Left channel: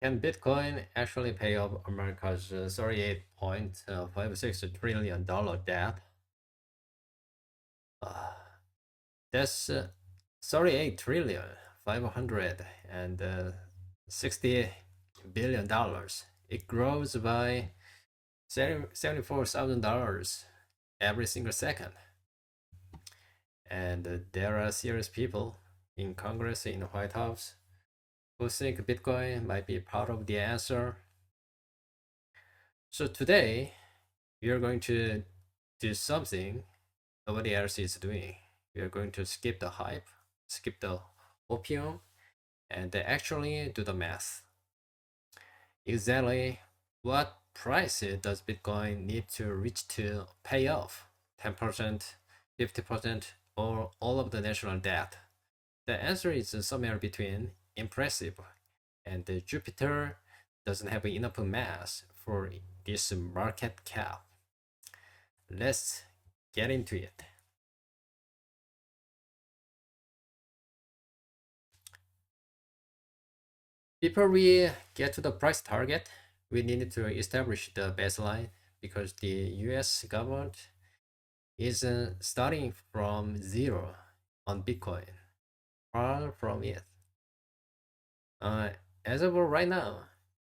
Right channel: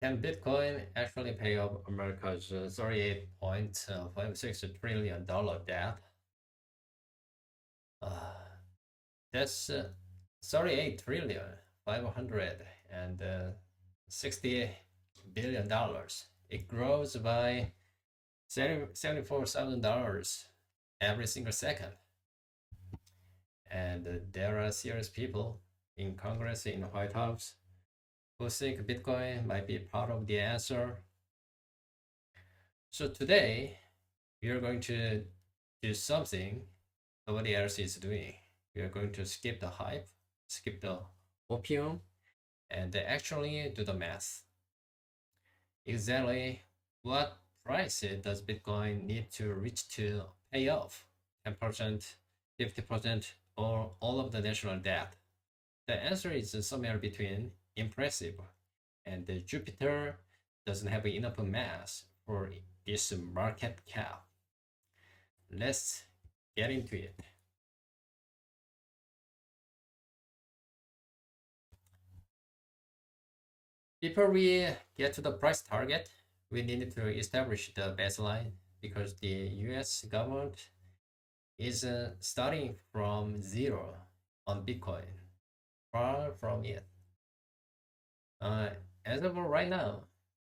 Can Bitcoin actually pay off America's $38.56 trillion debt? Uh, that's 38 trillion 560 billion dollars. It grows by $74,000 every single second. And there are serious people in Congress, in the White House, who think Bitcoin might be part of the answer. So today, we are going to do something nobody else is doing. We are going to skip the hype, skip the opium, and actually do the math. Exactly what price does Bitcoin need to reach to pay off 10%, 50%, or all of the national debt? The answer is somewhere between impressive and Jupiter doesn't have enough mass for this market cap. Let's get into it. Before we get to the price target, we need to establish the baseline because the US government is starting from zero on Bitcoin, far from it. Uh, as of right now,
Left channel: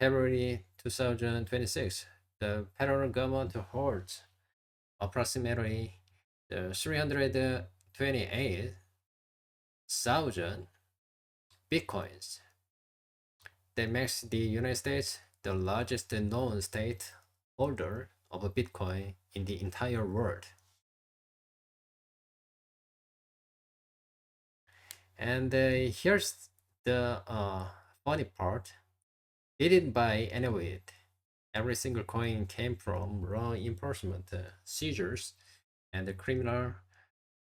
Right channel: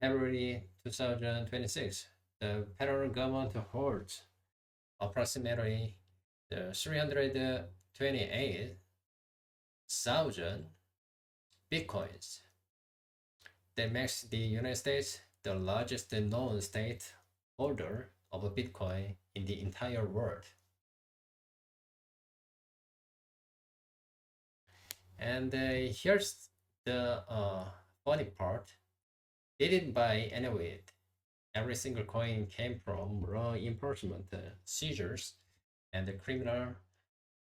February 2026, the federal government holds approximately 328,000 Bitcoins. That makes the United States the largest known state holder of a Bitcoin in the entire world. And here's the funny part. They didn't buy any of it. Every single coin came from law enforcement seizures and the criminal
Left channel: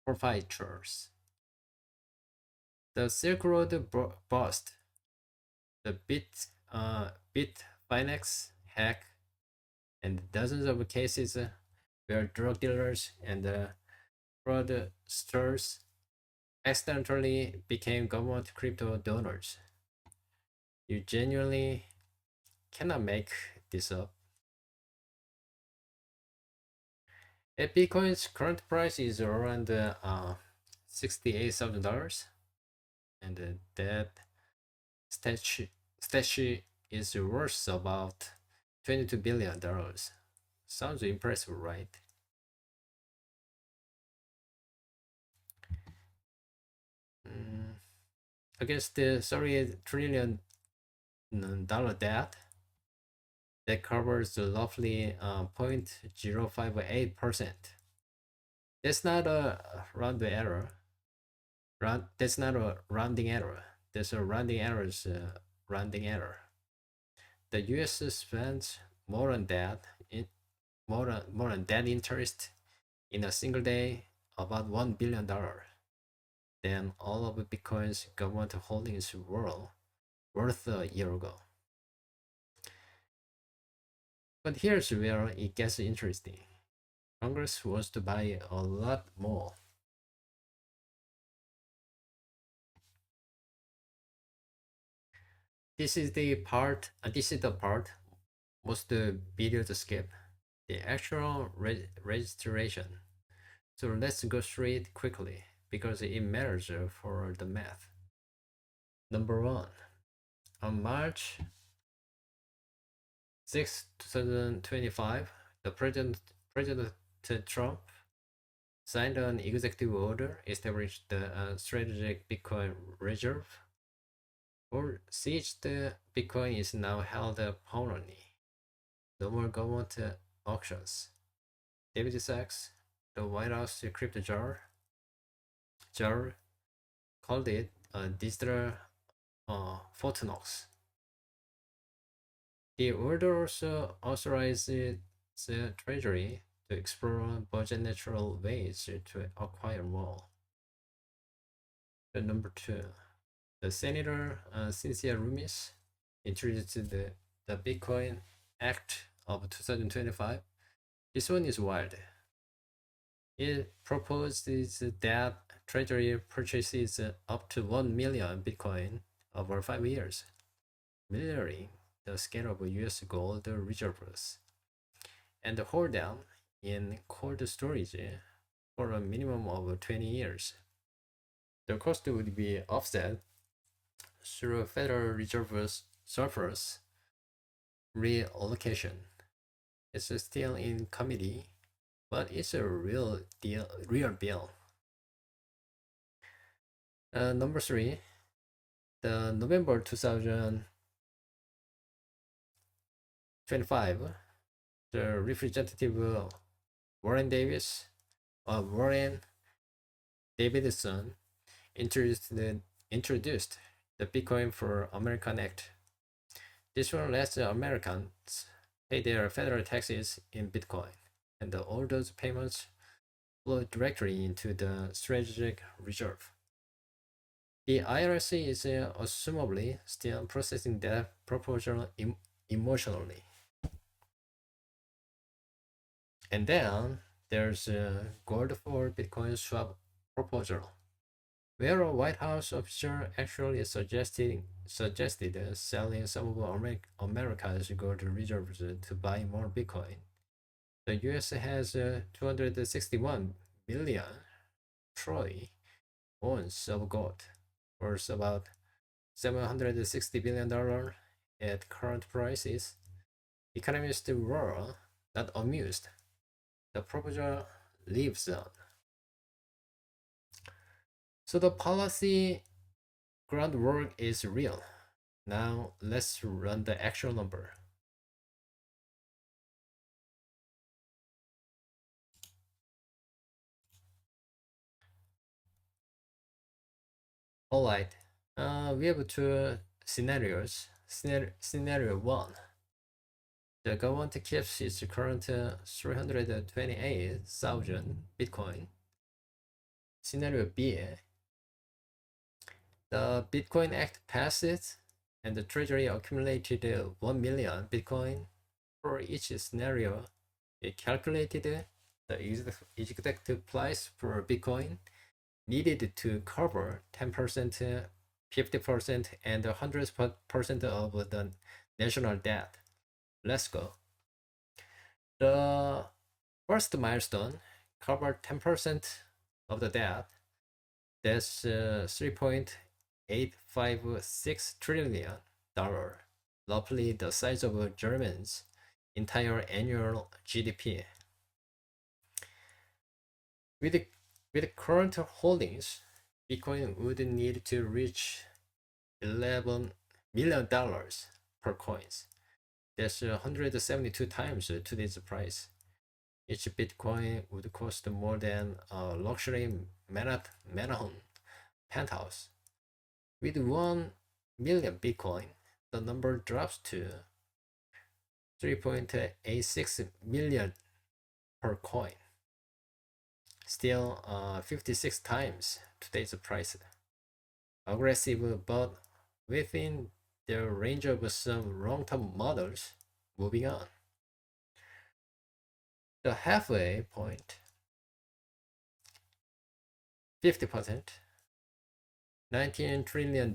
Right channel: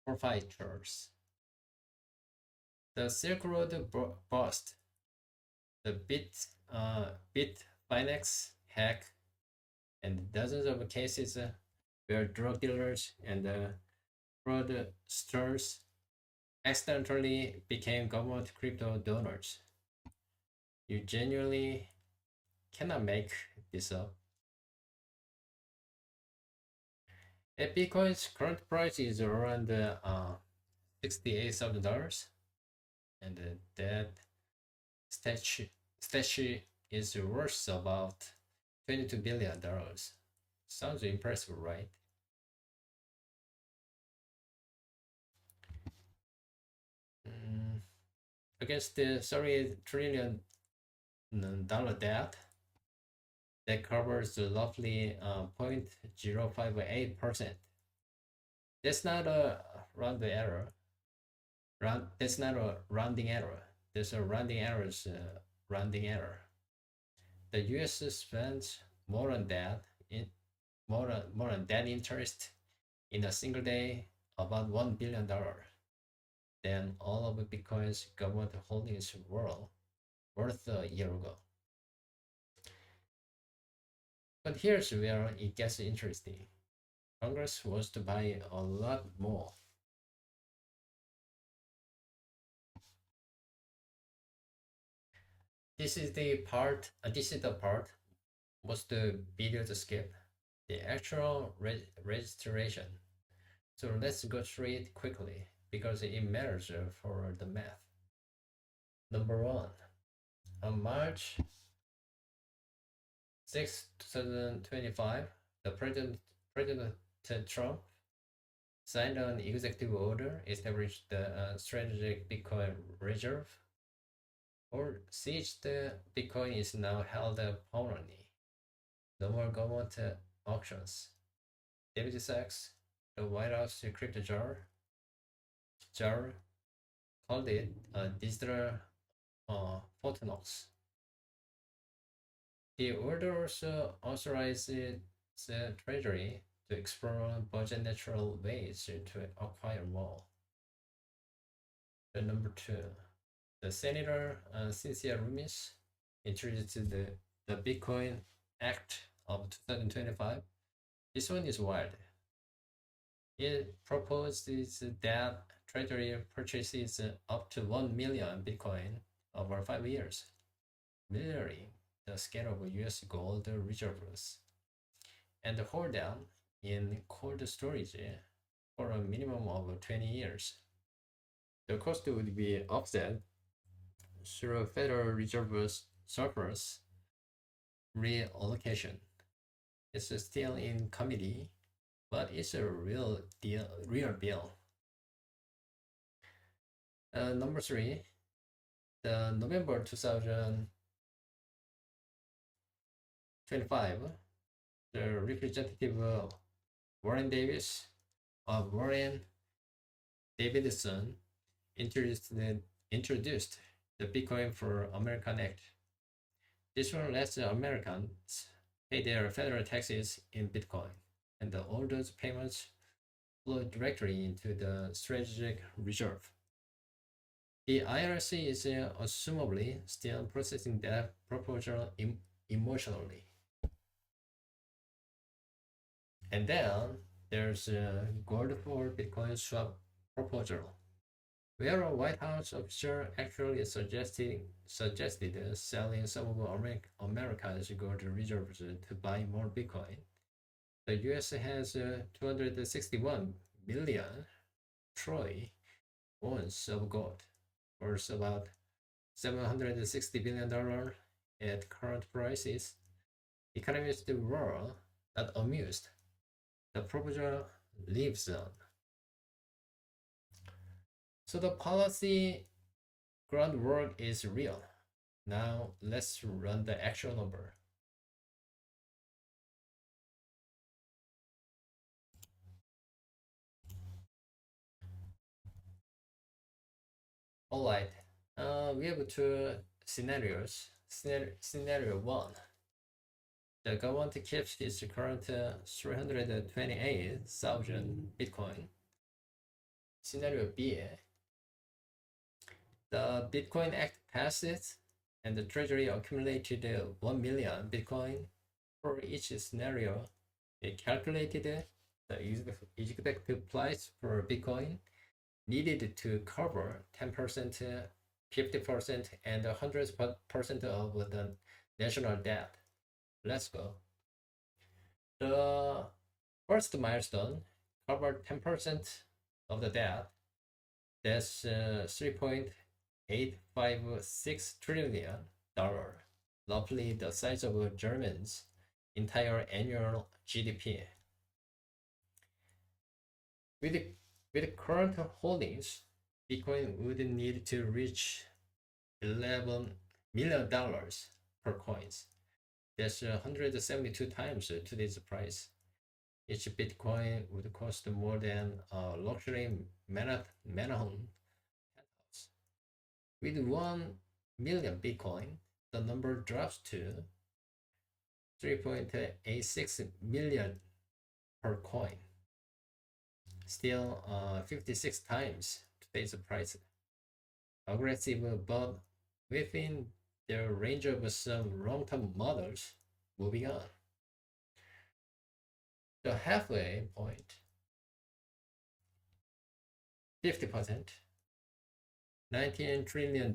forfeitures. The Silk Road bust, the Bitfinex hack, and dozens of cases where drug dealers and fraudsters accidentally became government crypto donors. You genuinely cannot make this up. Bitcoin's current price is around $68,000, and that statue, statue is worth about $22 billion. Sounds impressive, right? Mm, against the $38 trillion debt that covers roughly 0.058%. That's not a round error. That's not a rounding error. That's a rounding error's rounding error. The U.S. spends more on that in more on that interest in a single day, about $1 billion, than all of Bitcoin's government holdings were worth a year ago. But here's where it gets interesting. Congress wants to buy a lot more. This is the part most videos skip, the actual registration. So let's go through it quickly because it matters for the math. Number one, on March 6, 2025, the President Trump signed an executive order established the strategic Bitcoin reserve. Or seized Bitcoin is now held permanently. No more government auctions. David Sachs, the White House crypto jar called it a digital Fort Knox. The order also authorized the Treasury to explore budget natural ways to acquire more. The number two, the Senator Cynthia Lummis introduced the Bitcoin Act of 2025. This one is wild. It proposes that Treasury purchases up to 1 million Bitcoin over 5 years. Military. the scale of US gold reserves and hold them in cold storage for a minimum of 20 years. The cost would be offset through Federal Reserve's surplus reallocation. It's still in committee, but it's a real deal. Number three, the November 2025, the Representative Warren Davidson introduced the Bitcoin for American Act. This one lets Americans pay their federal taxes in Bitcoin, and all those payments flow directly into the strategic reserve. The IRC is assumably still processing that proposal emotionally. And then there's a gold for Bitcoin swap proposal, where a White House official actually suggested selling some of America's gold reserves to buy more Bitcoin. The US has 261 million troy ounces of gold, worth about $760 billion at current prices. Economists were not amused. The proposal lives on. So the policy groundwork is real. Now let's run the actual number. Alright, we have two scenarios. Scenario 1. The government keeps its current 328,000 Bitcoin. Scenario B. The Bitcoin Act passes and the Treasury accumulated 1 million Bitcoin. For each scenario, it calculated the exact price per Bitcoin needed to cover 10%, 50%, and 100% of the national debt. Let's go. The first milestone covered 10% of the debt. That's $3.856 trillion, roughly the size of Germany's entire annual GDP. With current holdings, Bitcoin would need to reach $11 million per coins. That's 172 times today's price. Each Bitcoin would cost more than a luxury Manhattan penthouse. With 1 million Bitcoin, the number drops to 3.86 million per coin. Still 56 times today's price. Aggressive, but within the range of some long-term models. Moving on. The halfway point, 50%, $19 trillion,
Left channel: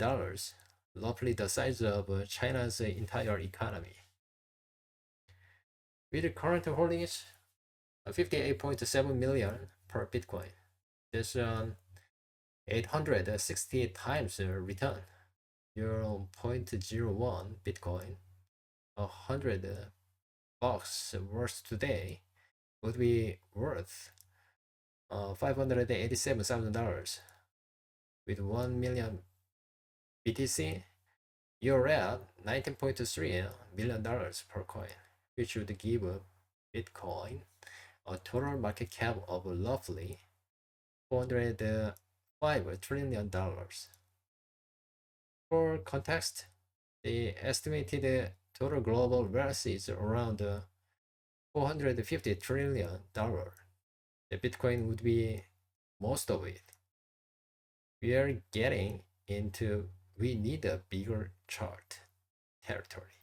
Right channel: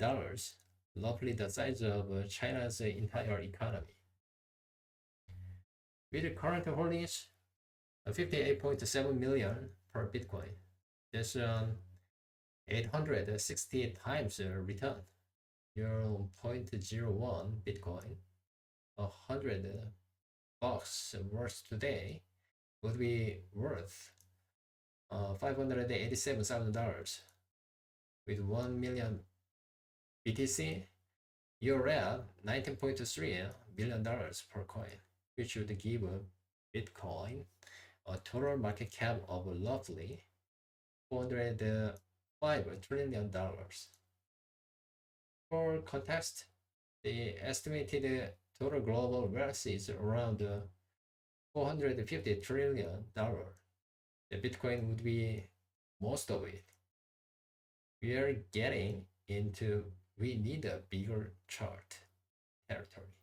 roughly the size of China's entire economy. With current holdings, 58.7 million per Bitcoin. That's 860 times return. 0.01 Bitcoin, $100 worth today would be worth $587,000. With 1 million BTC, you're at $19.3 million per coin, which would give Bitcoin a total market cap of roughly $405 trillion. For context, the estimated total global wealth is around $450 trillion. The Bitcoin would be most of it. We are getting into we need a bigger chart territory.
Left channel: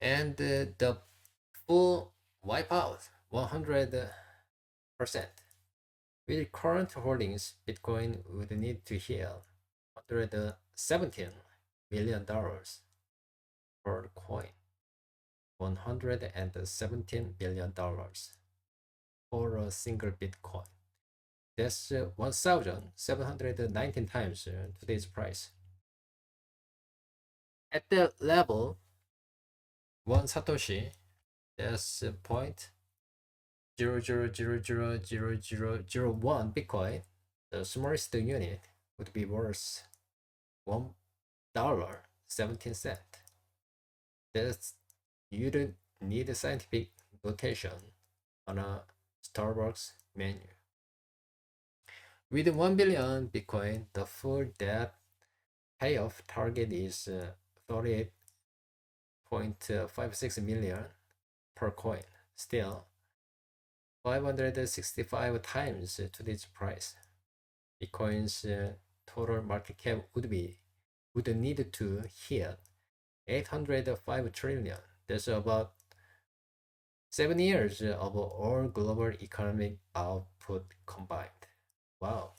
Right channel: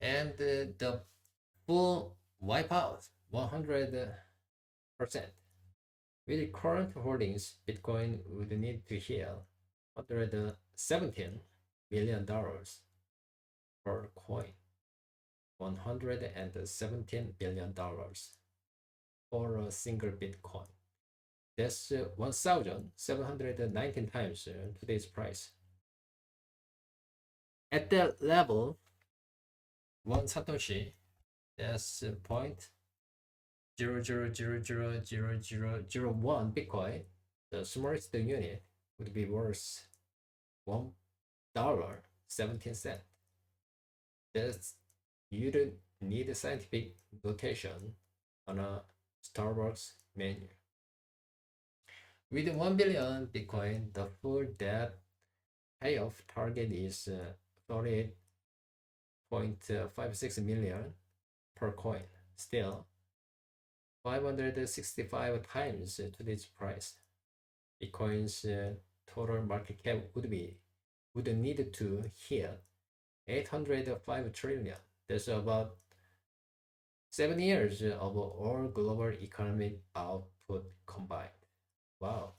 And the full wipeout, 100%. With current holdings, Bitcoin would need to hit $117 billion per coin, $117 billion for a single Bitcoin. That's 1,719 times today's price. At that level, one Satoshi, that's point 0.00000001 Bitcoin, the smallest unit, would be worth $1.17. That's you don't need a scientific notation on a Starbucks menu. With 1 billion Bitcoin, the full debt payoff target is 38.56 million per coin. Still, 565 times today's price. Bitcoin's total market cap would need to hit 805 trillion. That's about 7 years of all global economic output combined. Wow.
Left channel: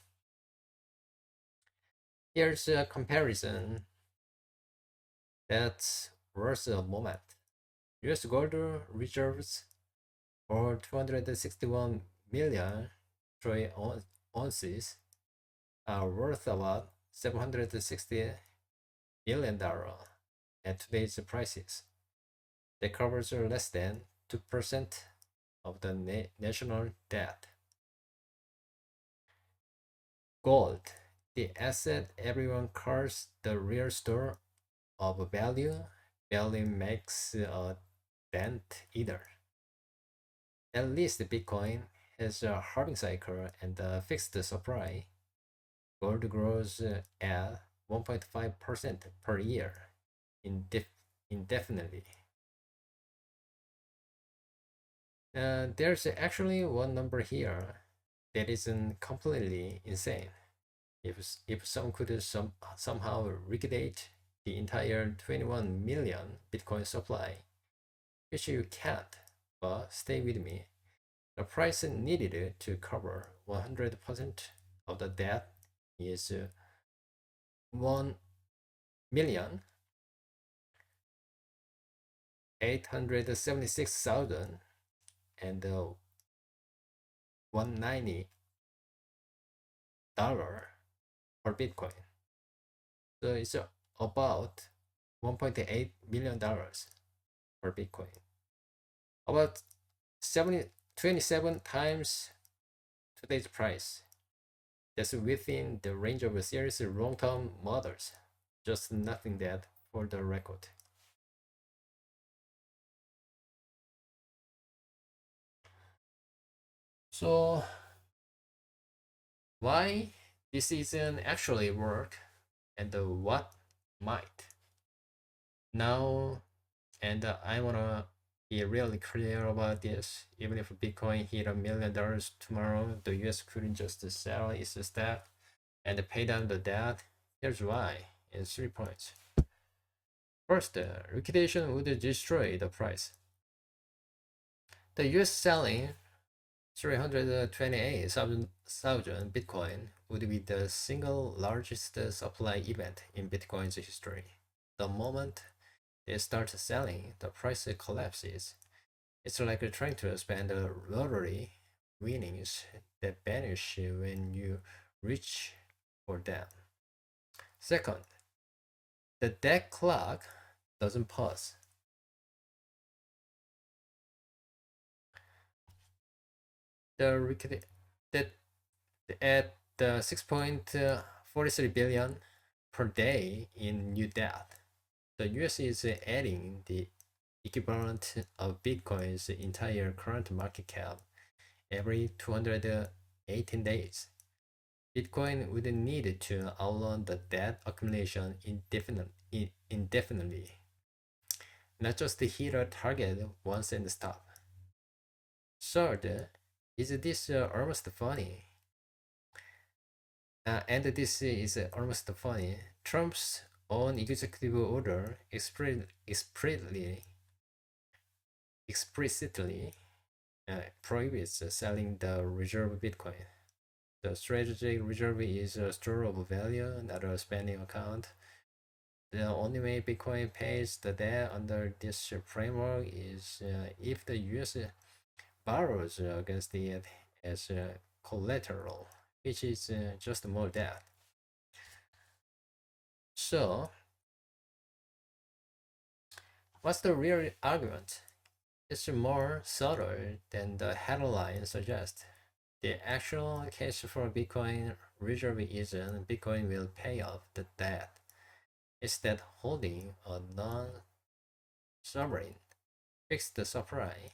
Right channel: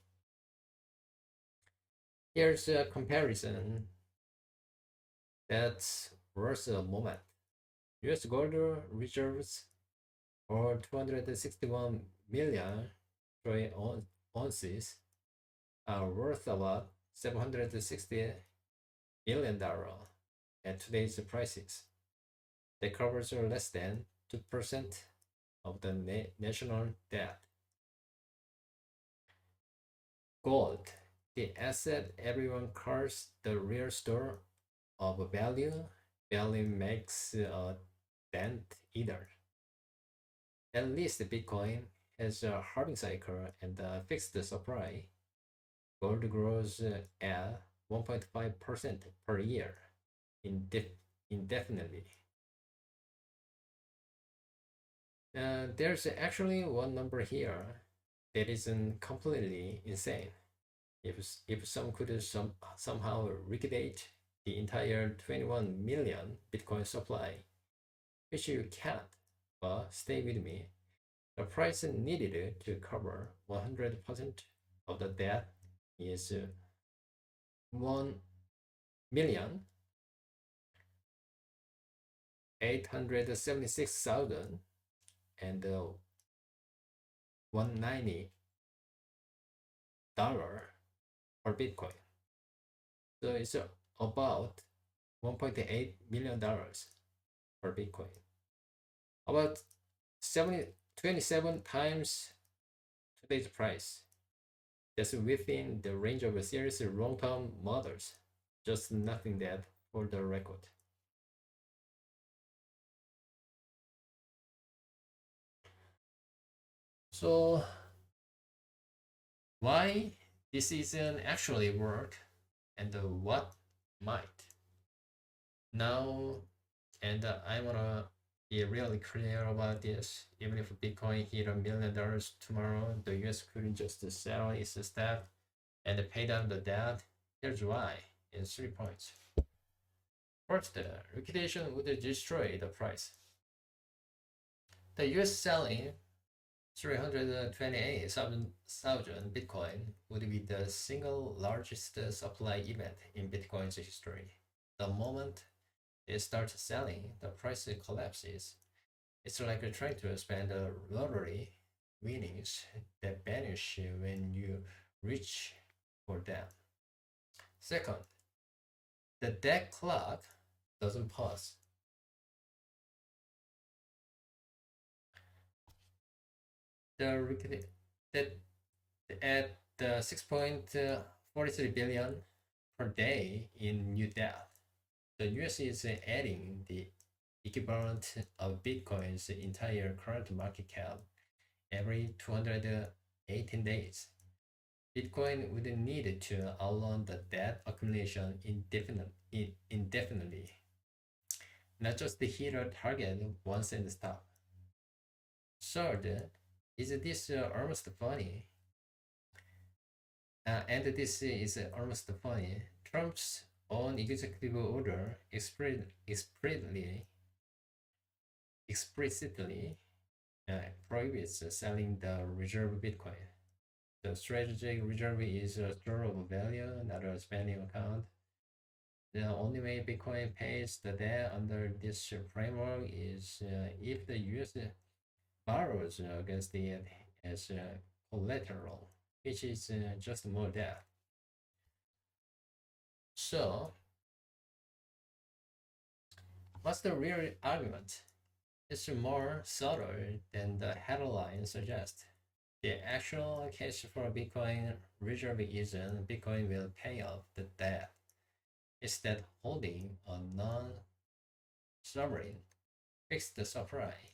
Here's a comparison that's worth a moment. US gold reserves are 261 million troy ounces are worth about $760 billion at today's prices. That covers less than 2% of the national debt. Gold, the asset everyone calls the real store of value, barely makes a dent either. At least Bitcoin has a halving cycle and a fixed supply. Gold grows at 1.5% per year indefinitely. There's actually one number here that isn't completely insane. If some could somehow liquidate the entire 21 million Bitcoin supply, which you can't, but stay with me, the price needed to cover 100% of the debt is 1,876,000 and $190 per Bitcoin. So it's about $1.8 million per Bitcoin. About 27 times today's price. That's within the range of a series of long-term models. Just nothing that for the record. So why this isn't actually work and what might? Now, and I wanna be really clear about this. Even if Bitcoin hit $1 million tomorrow, the US couldn't just sell its stock and pay down the debt. Here's why in 3 points. First, liquidation would destroy the price. The US selling 328,000 Bitcoin would be the single largest supply event in Bitcoin's history. The moment they start selling, the price collapses. It's like trying to spend a lottery winnings that vanish when you reach for them. Second, the debt clock doesn't pause. That at 6.43 billion per day in new debt, the US is adding the equivalent of Bitcoin's entire current market cap every 218 days. Bitcoin would need to outrun the debt accumulation indefinitely, not just hit a target once and stop. Third, is this almost funny? And this is almost funny. Trump's own executive order explicitly prohibits selling the reserve Bitcoin. The strategic reserve is a store of value, not a spending account. The only way Bitcoin pays the debt under this framework is if the US borrows against it as collateral, which is just more debt. So, what's the real argument? It's more subtle than the headline suggests. The actual case for Bitcoin reserve isn't Bitcoin will pay off the debt. It's that holding a non-sovereign fixed supply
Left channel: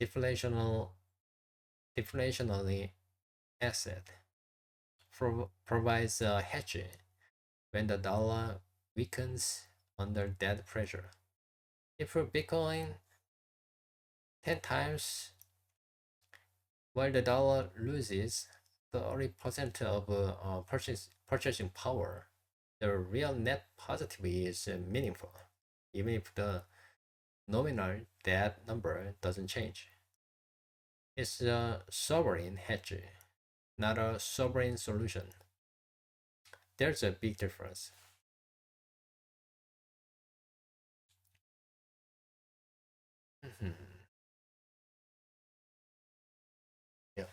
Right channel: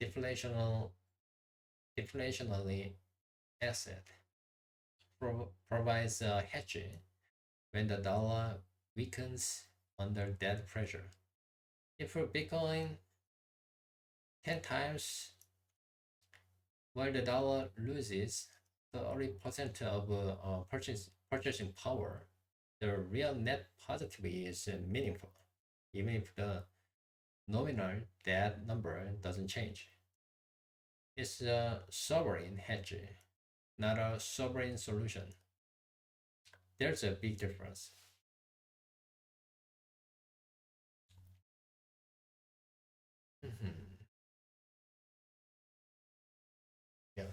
deflational deflationary asset provides a hedge when the dollar weakens under that pressure. If Bitcoin 10 times while the dollar loses 30% of purchasing power, the real net positive is meaningful, even if the nominal debt number doesn't change. It's a sovereign hedge, not a sovereign solution. There's a big difference. Mhm. Yeah.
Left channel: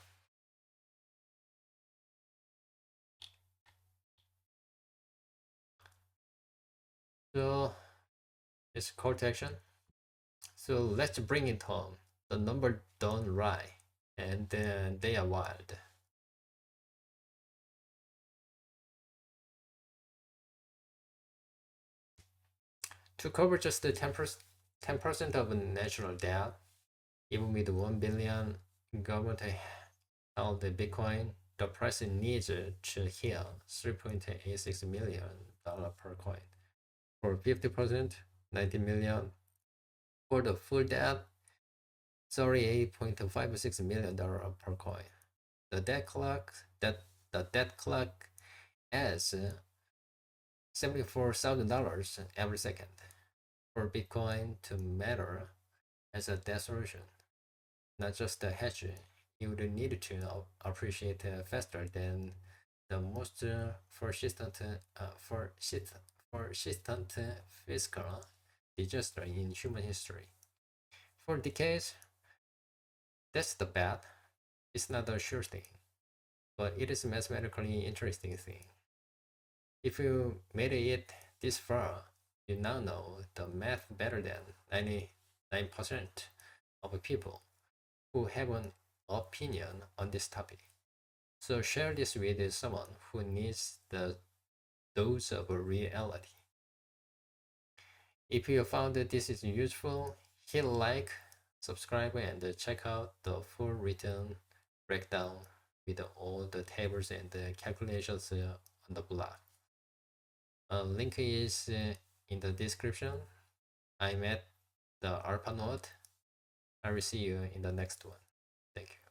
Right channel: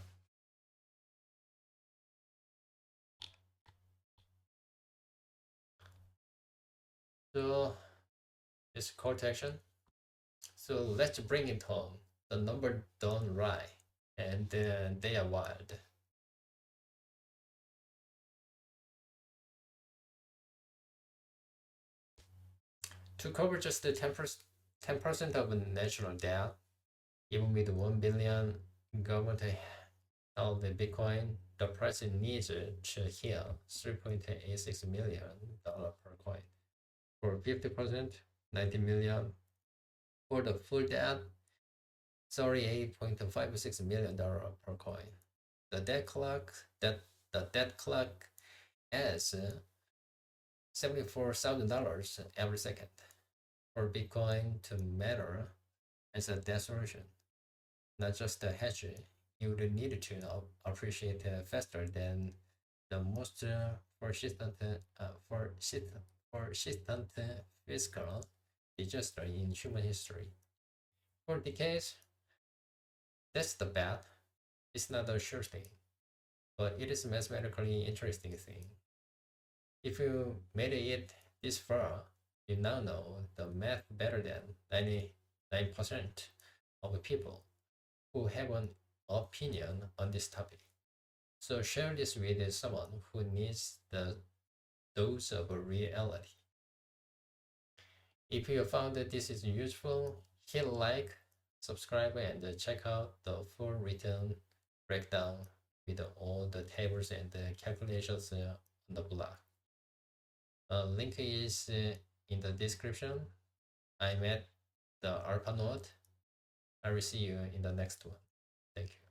So it's call to action. So let's bring it home. The number don't lie, and they are wild. To cover just the 10% of national debt, even with 1 billion government held Bitcoin, the price needs to hit $3.86 million per coin. For 50%, 90 million. For the full debt, $38.56 million per coin. The debt clock adds $74,000 every second for Bitcoin to matter as a debt solution, not just a hedge. You would need to appreciate faster than the most persistent fiscal disaster in human history. For decades, that's the bet. It's not a sure thing, but it is a mathematically interesting thing. If you made it this far, you now know the math better than 99% of people who have an opinion on this topic. So share this with someone who needs the dose of reality. If you found that this is useful, hit like, subscribe, and check out the full written breakdown with all the tables and the calculations on the blog. Link is in the description. I'm at the ARPA node. I will see you in the next one. Thank you.